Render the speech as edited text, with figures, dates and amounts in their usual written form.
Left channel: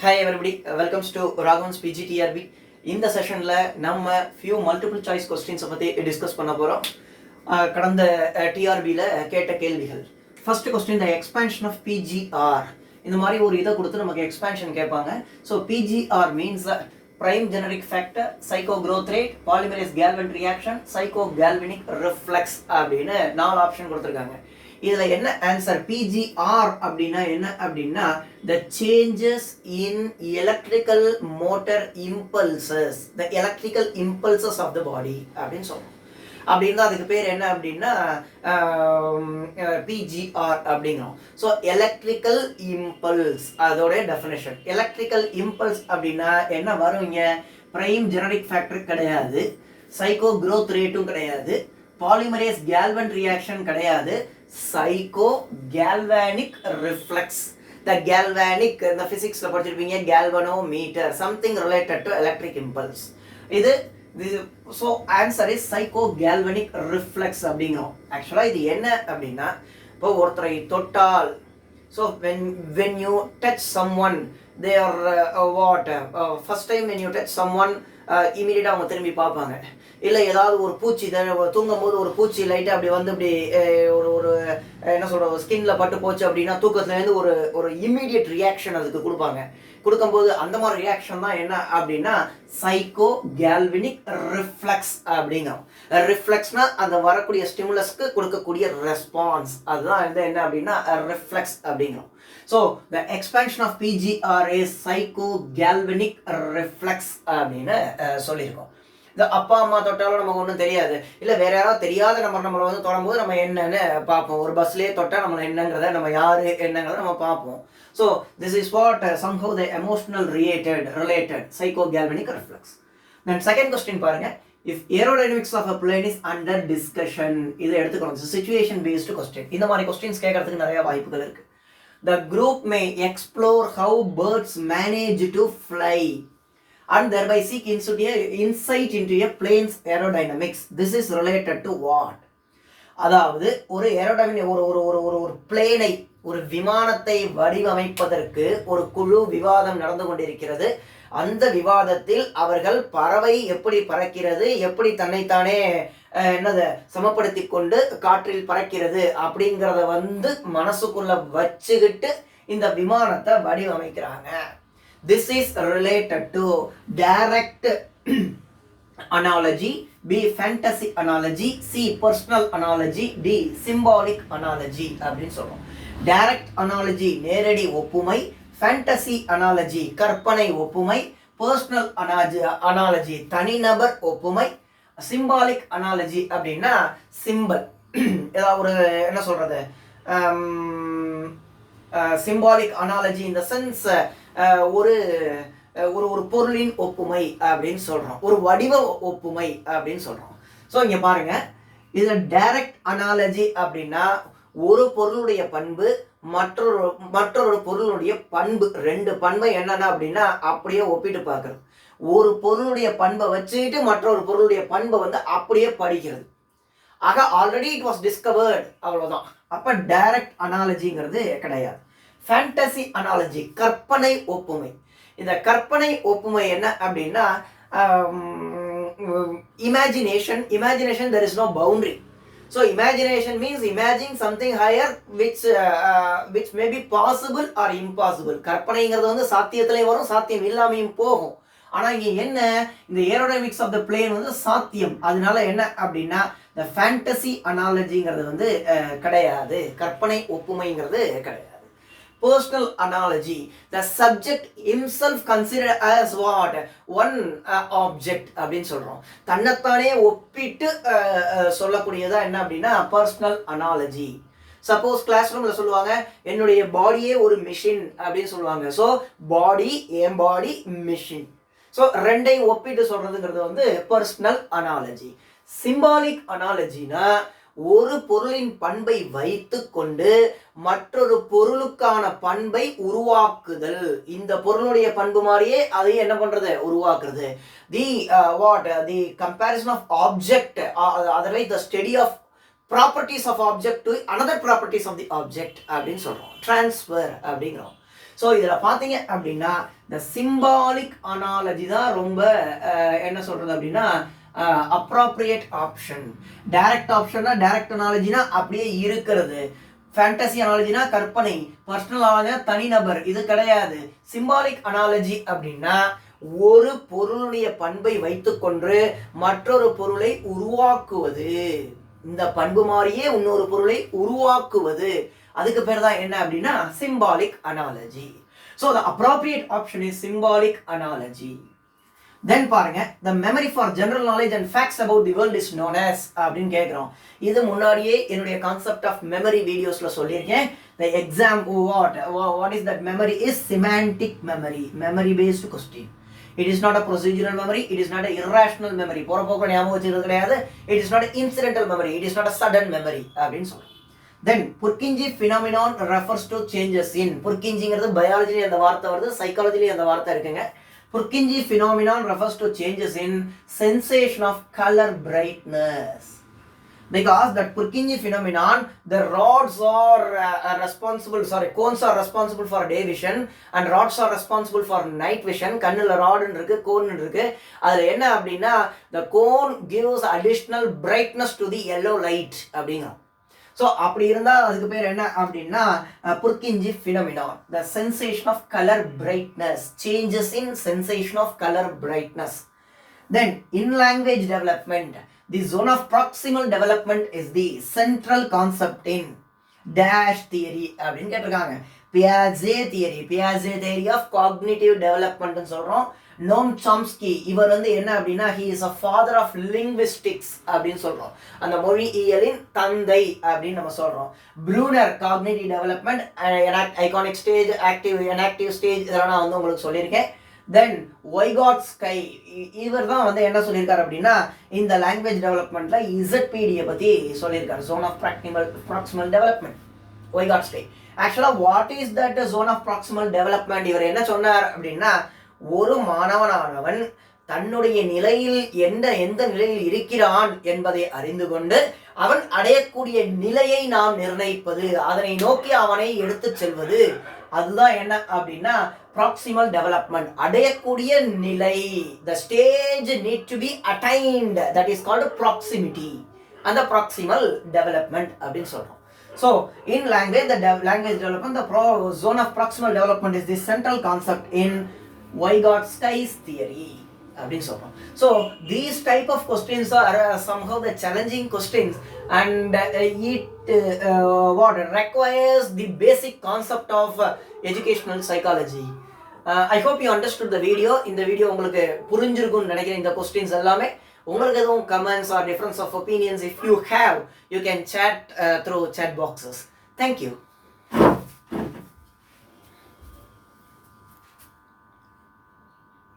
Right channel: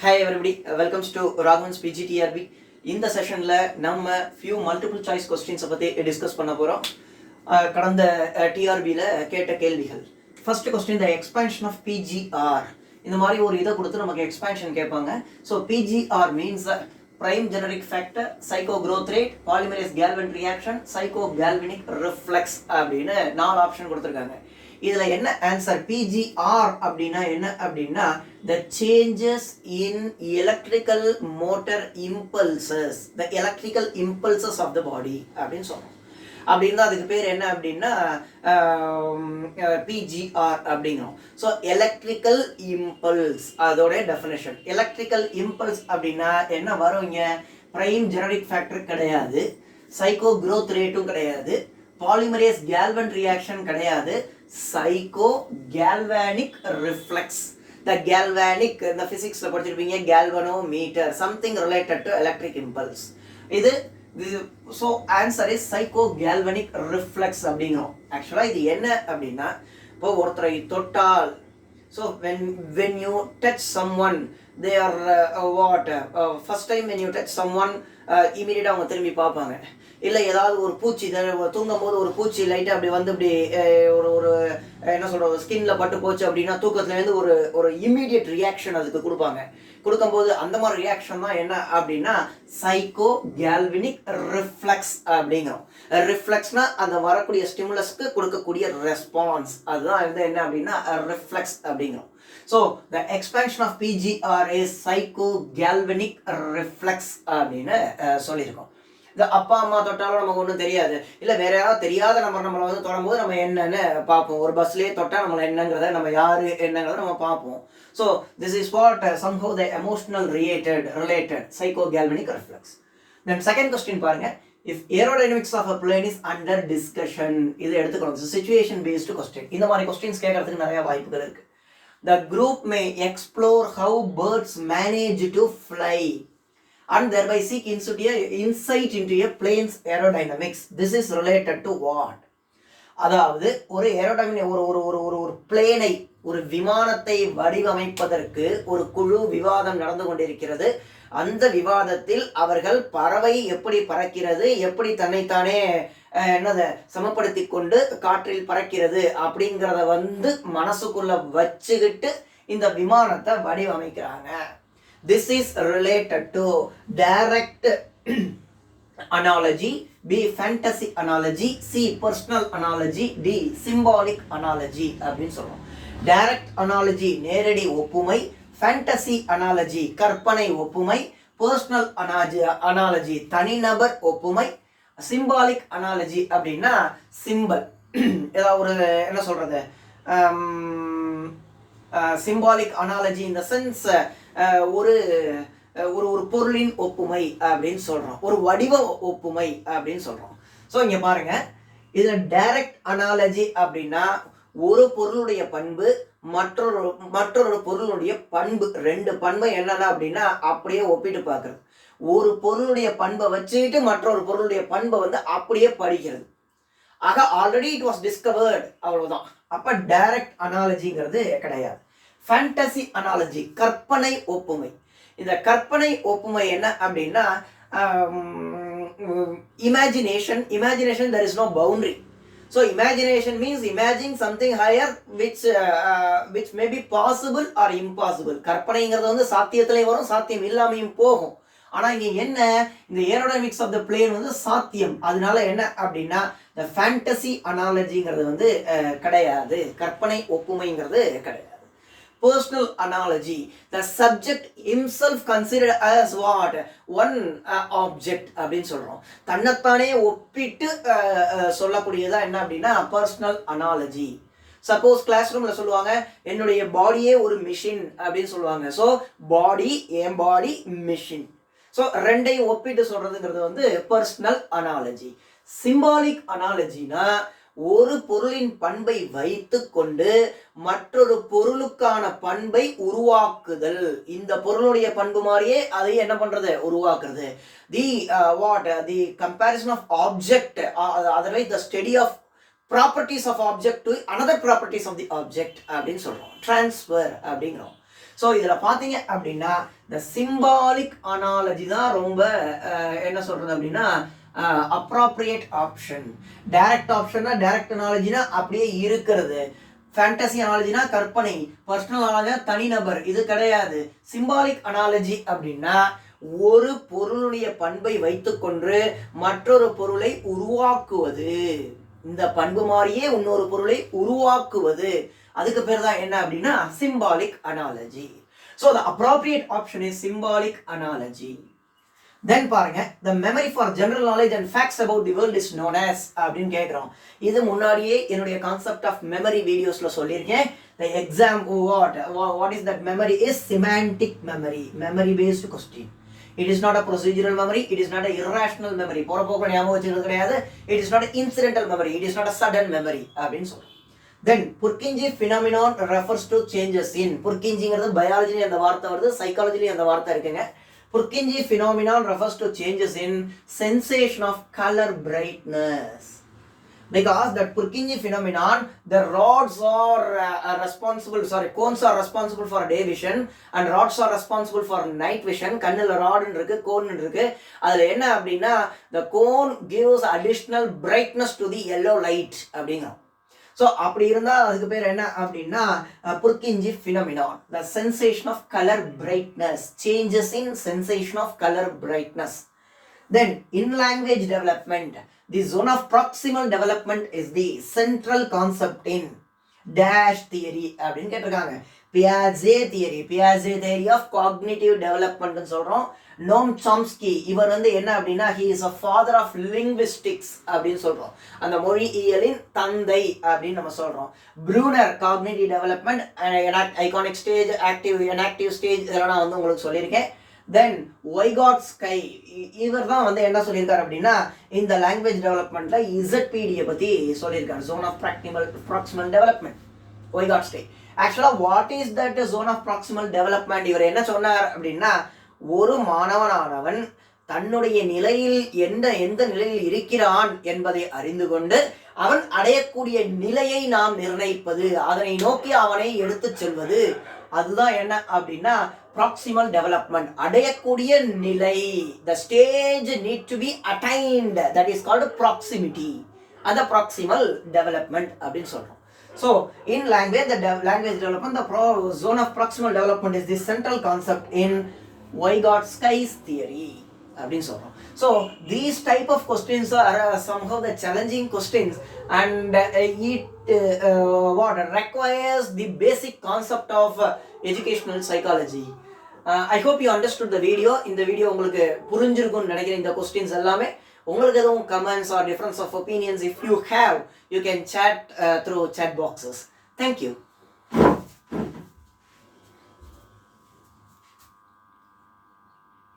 Hi everybody, welcome to Raghavan's PGTRB. இந்த செஷனில் நம்ம ஃபியூ மல்டிபிள் சாய்ஸ் கொஸ்டின்ஸை பற்றி டிஸ்கஸ் பண்ண போகிறோம். கடந்த டிஆர்பியில் கேட்ட கேள்விகள். First question, the expansion of PGR. இந்த மாதிரி ஒரு இதை கொடுத்து நமக்கு எக்ஸ்பேன்ஷன் கேட்பாங்க. So PGR means prime generic factor, psycho growth rate, polymerase galvan reaction, psycho galvanic reflex அப்படின்னு 4 ஆப்ஷன் கொடுத்துருக்காங்க. இதுல என்ன ஆன்சர்? பிஜிஆர் அப்படின்னா என்ன அப்படின்னா the changes in electrical motor impulses, the electrical impulses of the body அப்படின்னு சொல்றோம். அப்படின்னா அதுக்கு பேர் என்ன அப்படின்னா பிஜிஆர் அப்படிங்கிறோம். ஸோ எலக்ட்ரிக்கல் இம்பல்ஸ் அதோட டெஃபினேஷன். எலக்ட்ரிக்கல் இம்பல்ஸ் அப்படின்னா என்ன வருங்க? பிரைம் ஜெனரிக் ஃபேக்டர் கிடையாது, சைக்கோ க்ரோத் ரேட்டும் கிடையாது, பாலிமரேஸ் கேல்வன் ரியாக்ஷன் கிடையாது, psycho galvanic reflex. The galvanic இந்த பிசிக்ஸ்ல படிச்சிருப்பீங்க, galvanometer, something related to electric impulse. இது so answer is psycho galvanic reflex அப்படிங்கிறோம். ஆக்சுவலாக இது என்ன அப்படின்னா, இப்போ ஒருத்தரை தொட்டால், so when you touch someone they are first time when you touch someone இமீடியட்டாக அவங்க திரும்பி பார்ப்பாங்க. இல்லை ஏதாவது ஒரு பூச்சி தூங்கும் போது ஒரு பூச்சி லைட்டாக அப்படி வந்து இப்படி ஒரு என்ன சொல்கிற ஸ்கின்ல பட்டு போச்சு அப்படின்னா தூக்கத்துலேருந்து ஒரு இம்மீடியட் ரியாக்ஷன் அதுக்கு கொடுப்பாங்க. கொடுக்கும்போது அந்த மாதிரி ரியாக்ஷன் தான் என்ன அப்படின்னா சைக்கோ கேல்வனிக் ரிஃப்ளெக்ஸ் அப்படிங்கிறோம். ரிஃப்ளெக்ஸ்னா அந்த வரக்கூடிய ஸ்டிமுலஸ்க்கு கொடுக்கக்கூடிய ரெஸ்பான்ஸ், அதுதான் என்ன அப்படின்னா ரிஃப்ளெக்ஸ் அப்படிங்கிறோம். So the expansion of PGR is psycho galvanic reflex அப்படின்னு சொல்லியிருக்கோம். இந்த அப்பா அம்மா தொட்டாலும் நமக்கு ஒன்றும் தெரியாது, இல்லை வேற யாராவது தெரியாத நம்மளை வந்து தொடும்போது நம்ம என்னன்னு பார்ப்போம். ஒரு பஸ்லேயே தொட்டால் நம்மளை என்னங்கிறத, நம்ம யாரு என்னங்கிறத நம்ம பார்ப்போம். So this is what somehow the emotional related psycho galvanic reflex. Then second question பாருங்க, if aerodynamics of a plane is under discussion, இதை எடுத்துக்கணும். situation based question. இந்த மாதிரி கொஸ்டின்ஸ் கேட்கறதுக்கு நிறைய வாய்ப்புகள் இருக்கு. The group may explore how birds manage to fly and thereby seek insight into a plane's aerodynamics. This is related to what? அதாவது ஒரு ஏரோடைனமிக் ஒரு பிளேனை, ஒரு விமானத்தை வடிவமைப்பதற்கு ஒரு குழு விவாதம் நடந்து கொண்டிருக்கிறது. அந்த விவாதத்தில் அவர்கள் பறவை எப்படி பறக்கிறது, எப்படி தன்னைத்தானே சமப்படுத்தி கொண்டு காற்றில் பறக்கிறது அப்படிங்கிறத வந்து மனசுக்குள்ள வச்சுக்கிட்டு இந்த விமானத்தை வடிவமைக்கிறாங்க. This is related to direct analogy, B fantasy analogy, C personal analogy, D symbolic analogy அப்படின்னு சொல்றோம். டைரக்ட் அனாலஜி நேரடி ஒப்புமை, ஃபேண்டசி அனாலஜி கற்பனை ஒப்புமை, பர்சனல் அனாலஜி தனிநபர் ஒப்புமை, சிம்பாலிக் அனாலஜி அப்படின்னா சிம்பல், ஏதாவது ஒரு என்ன சொல்றது, சிம்பாலிக் அனாலஜி இந்த சென்ஸ் ஒரு ஒரு பொருளின் ஒப்புமை அப்படின்னு சொல்றோம், ஒரு வடிவ ஒப்புமை அப்படின்னு சொல்றோம். ஸோ இங்க பாருங்க, இதுல டைரக்ட் அனாலஜி அப்படின்னா ஒரு பொருளுடைய பண்பு மற்றொரு பொருளுடைய பண்பு, ரெண்டு பண்பை என்னன்னா அப்படின்னா அப்படியே ஒப்பிட்டு பார்க்கறது. ஒரு பொருளுடைய பண்பை வச்சுக்கிட்டு மற்றொரு பொருளுடைய பண்பை வந்து அப்படியே படிக்கிறது. ஆக ஆல்ரெடி இட் வாஸ் டிஸ்கவர்ட், அவ்வளவுதான். அப்ப டைரக்ட் அனாலஜிங்கிறது கிடையாது. ஃபேண்டசி அனாலஜி கற்பனை ஒப்புமை. இந்த கற்பனை ஒப்புமை என்ன அப்படின்னா imagination there is no boundary. So imagination means imagine something higher which may be possible or impossible. கற்பனைங்கிறது வந்து சாத்தியத்திலே வரும், சாத்தியம் இல்லாமையும் போகும். ஆனா இங்க என்ன, இந்த ஏரோடைனமிக்ஸ் ஆஃப் த பிளேன் வந்து சாத்தியம். அதனால என்ன அப்படின்னா the fantasy analogyங்கிறது வந்து கிடையாது, கற்பனை ஒப்புமைங்கிறது கிடையாது. Personal analogy, the subject himself considered as what? One object அப்படின்னு சொல்றோம். தன்னைத்தானே ஒப்பிட்டு சொல்லக்கூடியதா என்ன அப்படின்னா பர்சனல் அனாலஜி. சப்போஸ் கிளாஸ் ரூம்ல சொல்லுவாங்க என்னுடைய பாடியே ஒரு மிஷின் அப்படின்னு சொல்லுவாங்க. ஸோ பாடி, என் பாடி மிஷின். ஸோ ரெண்டையும் ஒப்பிட்டு சொல்றதுங்கிறது வந்து பர்சனல் அனாலஜி. சிம்பாலிக் அனாலஜினா ஒரு பொருளின் பண்பை வைத்து கொண்டு மற்றொரு பொருளுக்கான பண்பை உருவாக்குதல். இந்த பொருளுடைய பண்பு மாதிரியே அதை என்ன பண்றது, உருவாக்குறது. The comparison of object, otherwise the study of properties of object to another properties of the object அப்படின்னு சொல்றோம். டிரான்ஸ்ஃபர் அப்படிங்கிறோம். ஸோ இதில் பார்த்தீங்க அப்படின்னா இந்த சிம்பாலிக் அனாலஜி தான் ரொம்ப என்ன சொல்கிறது அப்படின்னா அப்ராப்ரியேட் ஆப்ஷன். டைரக்ட் ஆப்ஷன்னா டைரக்ட் அனாலஜினா அப்படியே இருக்கிறது. ஃபேண்டசி அனாலஜினா கற்பனை, பர்சனல் அனாலஜினா தனிநபர், இது கிடையாது. சிம்பாலிக் அனாலஜி அப்படின்னா ஒரு பொருளுடைய பண்பை வைத்துக்கொண்டு மற்றொரு பொருளை உருவாக்குவது, இந்த பண்பு மாதிரியே இன்னொரு பொருளை உருவாக்குவது, அதுக்கு பேர் தான் என்ன அப்படின்னா symbolic analogy. So the appropriate option is symbolic analogy. Then பாருங்க, the memory for general knowledge and facts about the world is known as அப்படின்னு கேட்குறோம். இது முன்னாடியே என்னுடைய கான்செப்ட் ஆஃப் மெமரி வீடியோஸில் சொல்லியிருக்கேன். The exam what is that memory is semantic memory, memory based question. It is not a procedural memory, it is not a irrational memory, போற போக்க ஞாபகம் வச்சுக்கிறது கிடையாது. It is not an incidental memory, it is not a sudden memory அப்படின்னு சொல்றோம். Then Purkinje phenomenon refers to changes in, Purkinjeங்கிறது பயாலஜிலே அந்த வார்த்தை வருது, சைக்காலஜிலே அந்த வார்த்தை இருக்குங்க. Purkinje phenomenon refers to changes in sensation of color brightness. Because that Purkinje phenomenon, the rods are cones are responsible for day vision and rods are responsible for night vision. கண்ணுல rod இருக்கு, cone இருக்கு. அதுல என்ன அப்படின்னா the cone gives additional brightness to the yellow light அப்படிங்க. So அப்படி இருந்தால் அதுக்கு பேர் என்ன அப்படின்னா Purkinje phenomenon, the sensation of color brightness, changes in sensation of color brightness. Then in language development, the zone of proximal development is the central concept in dash theory அப்படின்னு கேட்டிருக்காங்க. Piaget theory of cognitive development சொல்றோம். நோம் Chomsky, இவர் என்ன அப்படின்னா he is a father of linguistics அப்படின்னு சொல்றோம், அந்த மொழியியலின் தந்தை அப்படின்னு நம்ம சொல்றோம். Bruner cognitive development, iconic stage, active inactive stage, இதெல்லாம் நான் உங்களுக்கு சொல்லியிருக்கேன். தென் Vygotsky, இவர் தான் என்ன சொல்லியிருக்காரு அப்படின்னா இந்த லாங்குவேஜ் டெவலப்மெண்ட்ல இசட்பிடியை பத்தி சொல்லியிருக்காரு, zone of proximal development, Vygotsky. ஆக்சுவலா what is that zone of proximal development? இவர் என்ன சொன்னார் அப்படின்னா ஒரு மாணவனானவன் தன்னுடைய நிலையில் எந்த நிலையில் இருக்கிறான் என்பதை அறிந்து கொண்டு அவன் அடையக்கூடிய நிலையை நாம் நிர்ணயிப்பது, அதனை நோக்கி அவனை எடுத்து செல்வது, அதுதான் என்ன அப்படின்னா proximal development. அடையக்கூடிய நிலை, the stage need to be attained, that is called proximity, and the proximal development அப்படின்னு சொல்றோம். So in language, the language development, the zone of proximal development is the central concept in Vygotsky's theory அப்படின்னு சொல்றோம். So these type of questions are somehow the challenging questions, and it requires the basic concept of educational psychology. I hope you understood the video. இந்த video உங்களுக்கு புரிஞ்சிருக்கும்னு நினைக்கிறேன். இந்த questions எல்லாமே உங்களுக்கு எதுவும் comments or difference of opinions, if you have, you can chat through chat boxes. Thank you.